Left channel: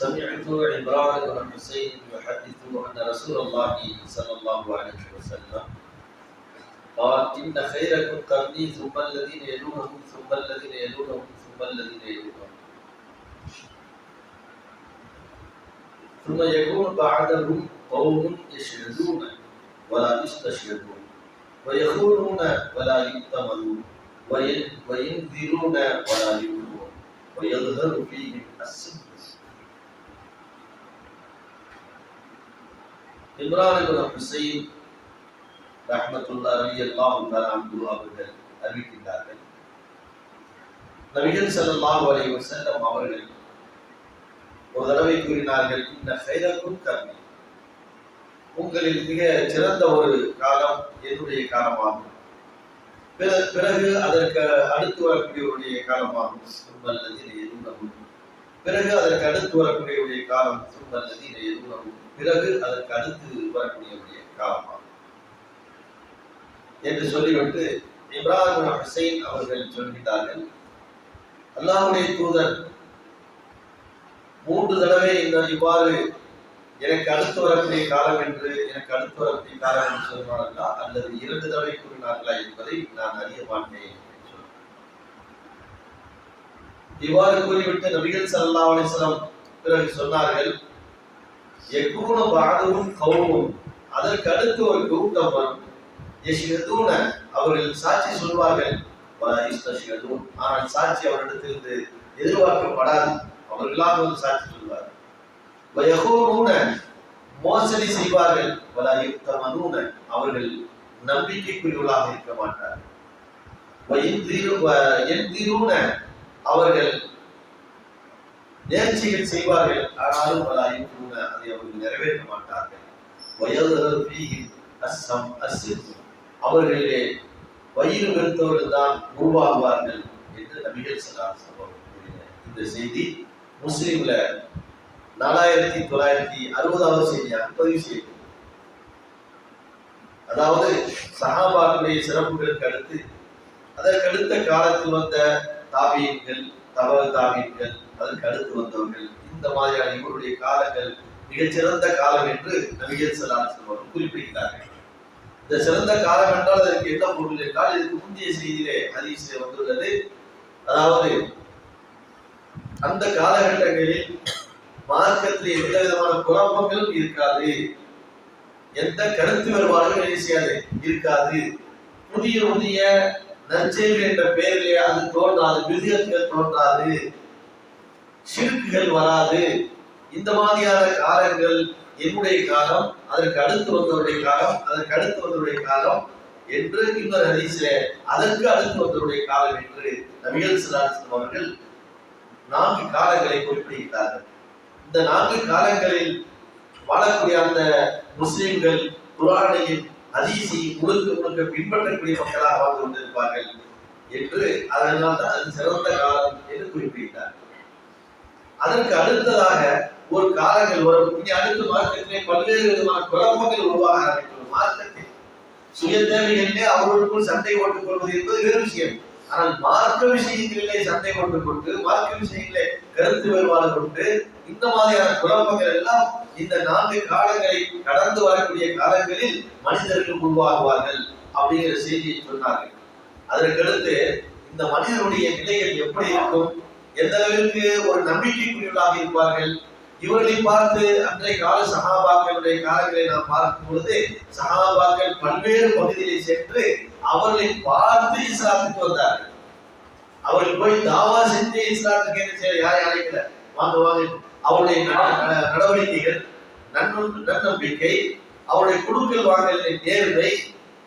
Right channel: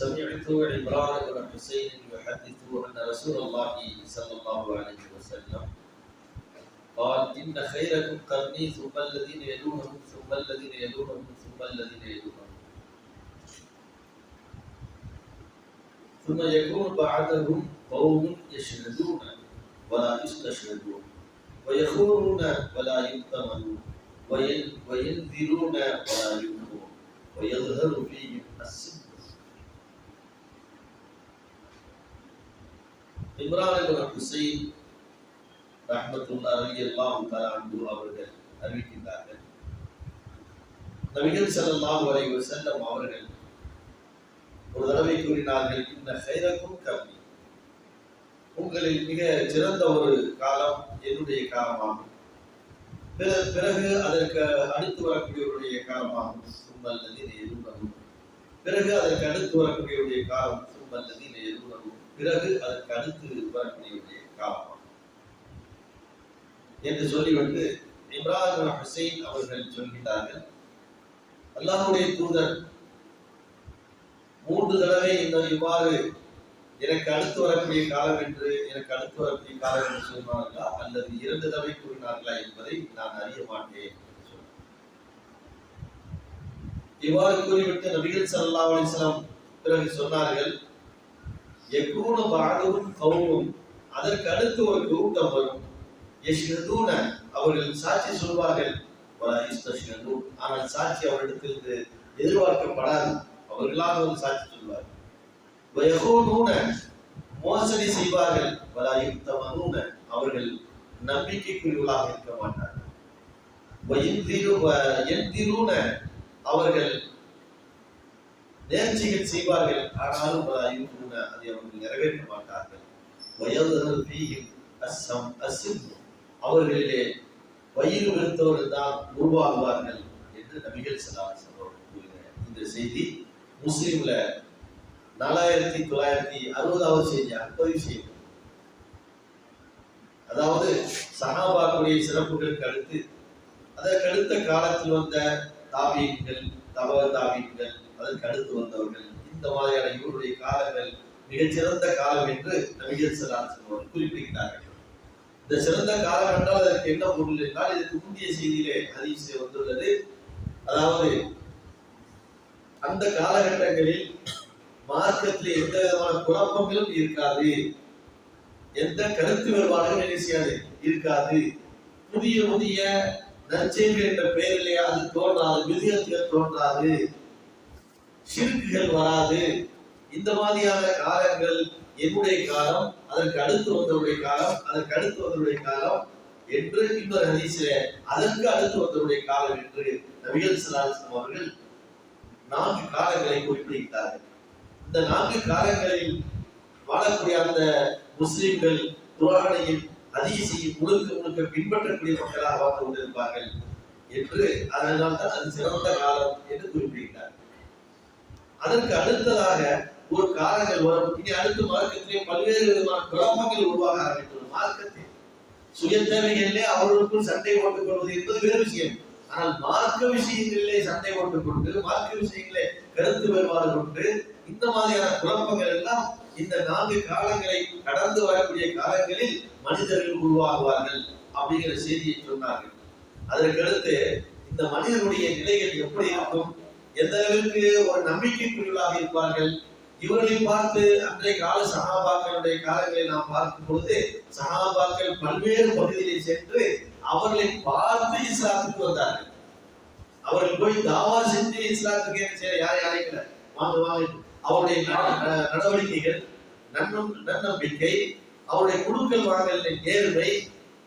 سمعت عمران بن حسين يحدث أن رسول الله صلى الله عليه وسلم قال إن خيركم قرني ثم الذين يلونهم ثم الذين يلونهم ثم الذين يلونهم. ثم يكون بعدهم قوم يشهدون ولا يستشهدون ويخونون ولا يؤتمنون وين- وينذرون ولا يؤمنون ويظهر فيهم السبت இம்ரான் இப்னு ஹுசைன் ரஹ்மத்துல்லாஹி ரலியல்லாஹு தஆலா அன்பு அவர்கள் அறிவிக்கின்றார்கள். நபிகள் ஸல்லல்லாஹு அலைஹி வஸல்லம் அவர்கள் ஒரு தடவை கூறினார்கள் இந்த ஹைரக்கும் கர்மி. உங்களில் மிக சிறந்த ஒரு காலம் என்னுடைய காலமாகும். பிறகு அதற்கு அடுத்து வரக்கூடியவருடைய காலமாகும். சும்மல்லதின் எதுவும் பிறகு அதற்கு அடுத்து வரக்கூடியவருடைய காலம் சும்மல்லதின் எதுவும் பிறகு அதற்கு அடுத்து வரக்கூடியவருடைய காலமாகும். என்று சொல்லிவிட்டு இப்ராஹிம் ஹுசைன் அவர்கள் சொல்கிறார்கள் அல்லாஹுடைய தூதர் மூன்று தடவை இந்த இவ்வாறு எனக்கு அடுத்து வரக்கூடிய காலம் என்று எனக்கு அடுத்து வரக்கூடிய காலம் என்று சொன்னார்களா அல்லது இரண்டு தடவை கூறினார்களா என்பதை நான் அறிய மாட்டேன். இவ்வாறு கூறிவிட்டு நபிகள் சல்லா அலிஸ்லாம் பிறகு சொன்னார்கள் எக்கூன பாதவும் கௌமும் அதற்கு அடுத்து ஒரு கூட்டம் வரும். யஷ்ஹதூன. அவர்கள் சாட்சி சொல்வார்கள் ஆனால் சாட்சி அவரிடத்திலிருந்து எதிர்பார்க்கப்படாது. அவர்களாக ஒரு சாட்சி சொல்வார்கள் வயகூனூன. மோசடி செய்வார்கள் வலா அவர்கள் நம்பிக்கைக்குரியவர்களாக இருக்க மாட்டார்கள். வயந்திரு எந்திரூன அவர்கள் நேர்ச்சிகள் செய்வார்கள் ஆனாலும் பல ஐம்பூன அதை அவர்கள் நிறைவேற்ற மாட்டார்கள். வயதில் அஸ்ஸம் அசிம் அவர்களிலே வயிறு வெறுத்தவர்கள் தான் உருவாகுவார்கள் என்று நபிகள் சலாம் கூறினார் இந்த செய்தி முஸ்லீம்ல நாலாயிரத்தி தொள்ளாயிரத்தி அறுபதாவது செய்தியாக பதிவு செய்யப்படும் அதாவது சஹாபாக்களுடைய சிறப்புகளுக்கு அடுத்து அதற்கடுத்த காலத்தில் வந்த தாபியன்கள் தபக தாபியன்கள் அதற்கு அடுத்து வந்தவர்கள். இந்த மாதிரியான இவருடைய காலங்கள் மிகச்சிறந்த காலம் என்று நபிகள் சலாசன் அவர்கள் குறிப்பிட்டார்கள் இந்த சிறந்த காலம் என்றால் அதற்கு என்ன பொருள் என்றால் இதுக்கு முந்தைய செய்தியிலே அதிசய வந்துள்ளது. அதாவது அந்த காலகட்டங்களில் மார்க்கத்தில் எந்த விதமான குழப்பங்களும் இருக்காது. எந்த கருத்து வேறுபாடுகளும் என்ன செய்யாது இருக்காது. புதிய புதிய நற்செய்தி என்ற பெயரிலே அது தோன்றாது விதியத்துகள் தோன்றாது. சிறுக்குகள் வராது. இந்த மாதிரியான காலங்கள் என்னுடைய காலம் அதற்கு அடுத்து வந்தவருடைய காலம் அதற்கு அடுத்து வந்தவருடைய காலம் என்று இன்னொரு ஹதீஸிலே அதற்கு அடுத்து வந்தவருடைய காலம் என்று நபிகள் சலாசம் அவர்கள் நான்கு காலங்களை குறிப்பிடுகிறார்கள் இந்த நான்கு காலங்களில் வாழக்கூடிய அந்த முஸ்லிம்கள் குரானையும் ஹதீஸையும் முழுக்க முழுக்க பின்பற்றக்கூடிய மக்களாக வாழ்ந்து கொண்டிருப்பார்கள் என்று அதனால் தான் அது சிறந்த காலம் என்று குறிப்பிட்டார். அதற்கு அடுத்ததாக ஒரு காலங்கள் வரும். இனி அடுத்த மார்க்கத்திலே பல்வேறு விதமான குழப்பங்கள் உருவாக ஆரம்பிக்கும் மார்க்கத்தில் சுய தேவைகளிலே அவர்களுக்குள் சண்டை போட்டுக் கொள்வது என்பது வேறு விஷயம். ஆனால் மார்க்க விஷயங்களிலே சண்டை போட்டுக் கொண்டு மார்க்க விஷயங்களிலே கருத்து வேறுபாடு கொண்டு இந்த மாதிரியான குழப்பங்கள் எல்லாம் இந்த நான்கு காலங்களை கடந்து வரக்கூடிய காலங்களில் மனிதர்கள் உருவாகுவார்கள் அப்படிங்கிற செய்தியை சொன்னார்கள். அதற்கடுத்து இந்த மனிதனுடைய நிலைகள் எப்படி இருக்கும்? எந்த அளவிற்கு ஒரு நம்பிக்கைக்குரியவர்களாக இருப்பார்கள்? இவர்களை பார்த்து அன்றைய கால சகாபாக்களுடைய காலங்களை நாம் பார்க்கும் பொழுது சகாபாக்கள் பல்வேறு பகுதிகளை சென்று அவர்களை பார்த்து இஸ்லாத்துக்கு வந்தார்கள். அவர்கள் போய் தாவா செஞ்சு இஸ்லாத்துக்கு என்ன செய்ய யாரையும் அழைக்கல. வாங்க வாங்க அவருடைய நடவடிக்கைகள் நன்னொன்று நன்னம்பிக்கை அவருடைய குடுக்கல் வாங்கலின் நேர்மை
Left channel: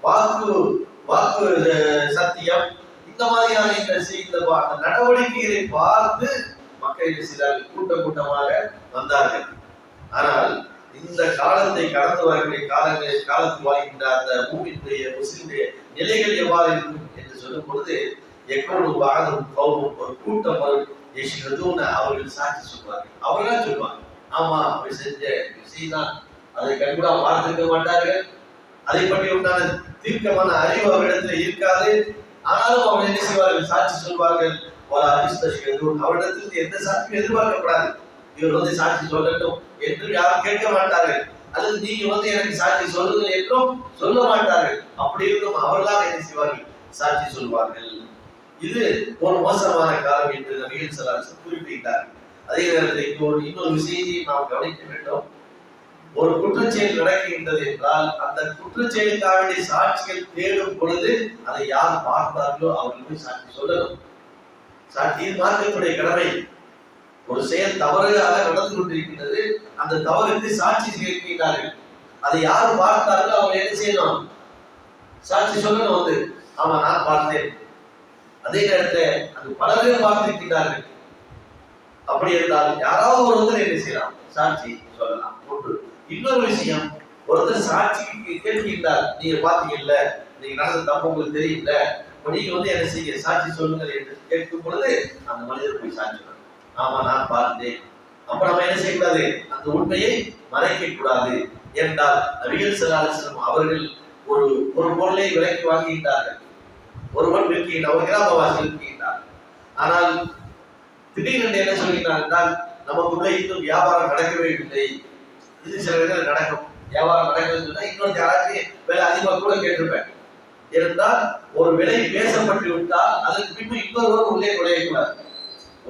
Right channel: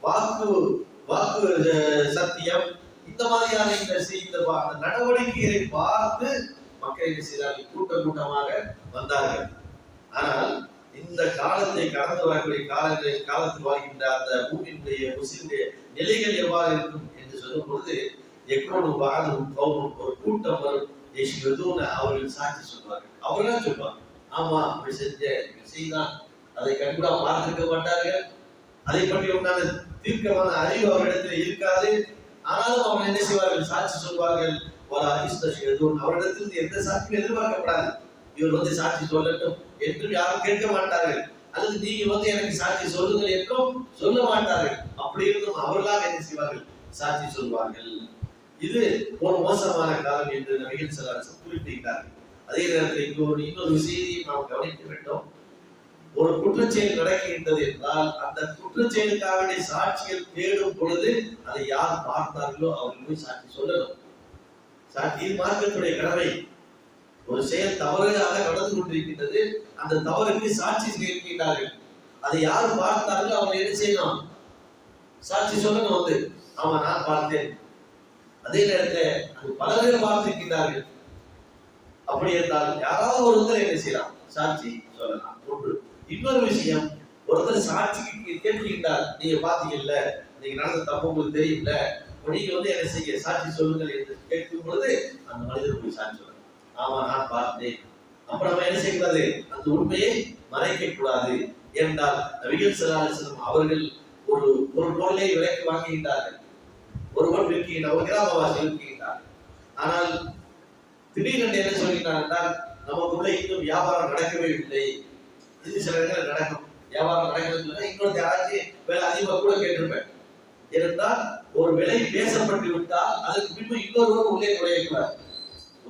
வாக்கு வாக்கு சத்தியம் இந்த மாதிரியான இந்த அந்த நடவடிக்கைகளை பார்த்து மக்கள் சிலர் கூட்டம் கூட்டமாக வந்தார்கள். ஆனால் இந்த காலத்தை கடந்து வரக்கூடிய காலங்களில் காலத்தில் வாழ்கின்ற அந்த மூவினுடைய முஸ்லிமுடைய நிலைகள் எவ்வாறு இருக்கும் என்று சொல்லும் பொழுது எப்பொழுது வாழும் கௌமும் ஒரு கூட்டம் வரும் யஷ்ஹதூன அவர்கள் சாட்சி சொல்வார்கள் அவர்களா சொல்வாங்க ஆமா அப்படி செஞ்ச விஷயம் அதை கண்கூடா பார்த்துக்க மாட்டார்கள் அதை பற்றி உண்டான தீர்க்கமான அறிவு அவரிடத்துல இருக்காது. ஆனாலும் அவங்க என்ன செய்வார்கள் சாட்சி சொல்வார்கள் வலா யஸ்தஷ்ஹதூன் அவரிடத்தில் எந்த சாட்சியும் எதிர்பார்க்கப்படாது. இவர் வந்து சாட்சி சொல்லட்டும் என்று யாரும் கேட்க மாட்டார்கள். அல்லது நீங்க வந்து எனக்கு சாட்சி சொல்லுங்கள் என்றும் சொல்ல மாட்டார்கள். அப்படி இருந்தும் அவர்களாக என்ன செய்வார்கள்? சாட்சி சொல்வார்கள் இது ஒரு மோசமான காலம் என்று நபிகள் சலாசம் குறிப்பிட்டார். அதே நேரத்தில் இன்னொரு ஒரு இன்னொரு விஷயத்தை நாம் கவனிக்க வேண்டும். ஒரு குற்றச்செயல் நடக்கின்றது என்றால் அந்த குற்றச்செயலுக்காக வேண்டிய சாட்சிகள் தேடும் பொழுது அதை யார் பார்த்தார்களோ அவர்கள் போய் சாட்சி சொல்லணும். சாட்சி பார்க்கக்கூடிய கடமை. ஒரு செயல் தவறாக நடந்து கொண்டிருக்கின்றது. அந்த தவறுக்கு சாட்சி கேட்கின்றார்கள். அதை யார் பார்த்தார்களோ அவங்க என்ன செய்யணும்? சாட்சி சொல்லணும் வந்து. ஆமா நான் பார்த்தேன். அதே நேரத்தில் அது பலர்கள் பார்த்திருக்கிறார்கள் அப்படி இருந்தால் யாராவது ஒருத்தர் என்ன செய்யலாம்? சாட்சி சொல்லலாம். ஒன்று இன்னொரு விஷயம் ஒருத்தர் சாட்சிக்கு கேட்கின்றார். நீங்க பாத்தீங்கல்ல நீங்க நடந்த தப்பு உங்களுக்கு தெரியல நீங்க வந்து என்ன செய்ய சாட்சி சொல்லுங்கள் என்று கேட்கும் பொழுது அந்த மனிதர் போய் சாட்சி ஆமா நான் பார்த்தேன். அப்ப நம்ம என்ன செய்யக்கூடாது? அந்த உண்மையை மறைக்க கூடாது என்றால் நபிகள் செல்லாசனம் அவர்கள் ஒரு ஒரு பொருளை விலைக்கு வாங்குகின்றார்கள். ஒருவன் விற்கின்றார் ஒரு கிராமவாசி விற்கின்றார் ஆனால் திடீரென்று என்ன சொல்கிறார் என்றால் நமக்குள்ள இன்னும் வியாபாரம் நடக்கவே இல்லை. இது சில இடங்கள் நடக்கும். வியாபாரம் நடக்குதுன்னு சொன்னா இன்னொரு யாராச்சும் விலை அதிகமாக கூட கேட்டிருப்பேன். இருந்தால் ஒரு விலை பேசப்பட்டு விட்டால் அதற்கு பின்பு இன்னொருவர் உள்ளே நுழையக்கூடாது.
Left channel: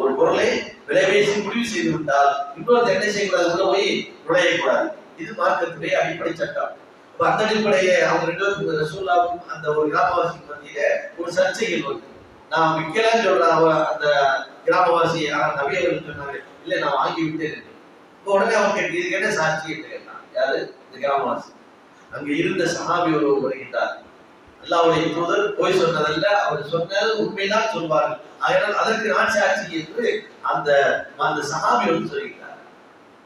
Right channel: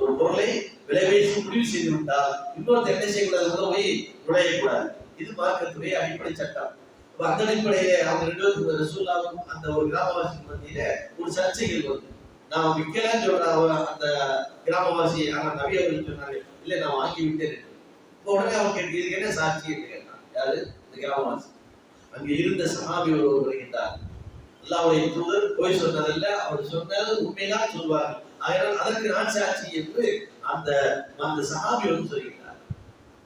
ஒரு பொருளை விலை பேசி முடிவு செய்து விட்டால் இன்னொரு என்ன செய்யக்கூடாது? உள்ள போய் நுழையக்கூடாது. இது மார்க்கத்துடைய அடிப்படை சட்டம். அந்த அடிப்படையிலே அவங்க ரெண்டு பேரும் ரசூல்லாவும் அந்த ஒரு கிராமவாசி மத்தியில ஒரு சர்ச்சைகள் வருது. நான் விற்கலன்னு சொல்ற அவன் அந்த கிராமவாசி ஆனா நபி அவர்கள் சொன்னாங்க இல்ல நான் வாங்கி விட்டேன். இப்ப உடனே அவன் கேட்டு இதுக்கு என்ன சாட்சி? என்று கேட்டான் யாரு? இந்த கிராமவாசி. அங்க இருந்த சஹாபி ஒருவர் வருகின்றார். அல்லாவுடைய தூதர் போய் சொன்னதல்ல அவர் சொன்னது உண்மைதான் சொல்வார்கள். அதனால் அதற்கு நான் சாட்சி என்று அந்த அந்த சஹாபி வந்து சொல்கிறார்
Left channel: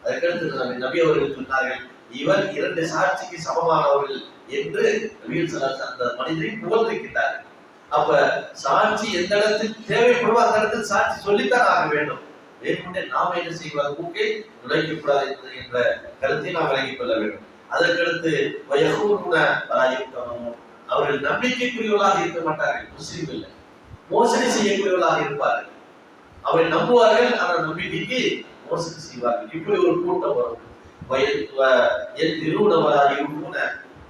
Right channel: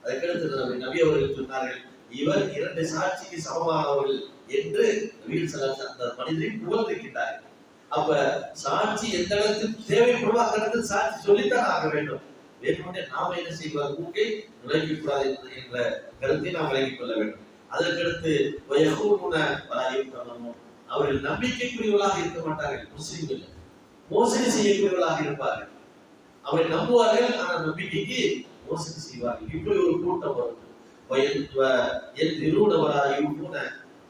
அதுக்கடுத்து நபி நபி அவர்கள் சொன்னார்கள் இவர் இரண்டு சாட்சிக்கு சமமானவர்கள் என்று அந்த மனிதரை புகழ்ந்திருக்கிறார்கள் அப்ப சாட்சி எந்த இடத்தில் தேவைப்படுவோ அந்த இடத்தில் சாட்சி சொல்லித்தான் ஆக வேண்டும். வேணுமென்றே நாம என்ன செய்வார் மூக்கை நுழைக்கக்கூடாது என்ற கருத்தை நாம் விளங்கிக் கொள்ள வேண்டும். அதற்கடுத்து வயகூருன அவர்கள் நம்பிக்கைக்குரியவர்களாக இருக்க மாட்டார்கள். முஸ்லீம் இல்லை. மோசடி செய்யக்கூடியவர்களாக இருப்பார்கள். அவர்கள் நம்புவார்கள் ஆனால் நம்பிக்கைக்கு மோசடி செய்வார்கள். இப்படி ஒரு கூட்டம் வரும். என் நிறுவனவராக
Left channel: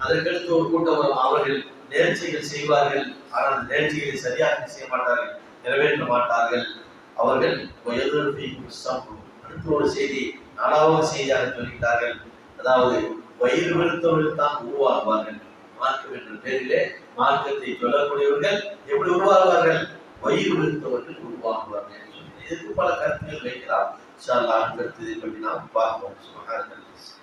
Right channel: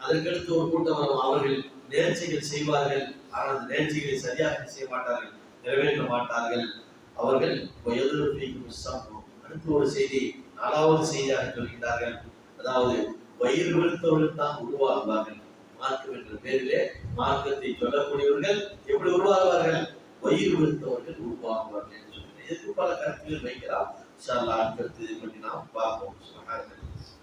அதற்கடுத்து ஒரு கூட்டம் வரும். அவர்கள் நேர்ச்சிகள் செய்வார்கள். ஆனால் அந்த நேர்ச்சிகளை சரியாக செய்ய மாட்டார்கள். நிறைவேற்ற மாட்டார்கள். அவர்கள் அடுத்த ஒரு செய்தி நாலாவது செய்தியாக சொல்கிறார்கள் அதாவது வயிறு வெறுத்தவர்கள் தான் உருவாகுவார்கள். மார்க்கம் என்ற பேரிலே மார்க்கத்தை சொல்லக்கூடியவர்கள் எப்படி உருவாகுவார்கள்? வயிறு வெறுத்தவர்கள் உருவாகுவார்கள் இதற்கு பல கருத்துகள் வைக்கலாம் இன்ஷா அல்லாஹ் அடுத்த கருத்து பற்றி நாம் பார்ப்போம் சுபஹானல்லாஹ்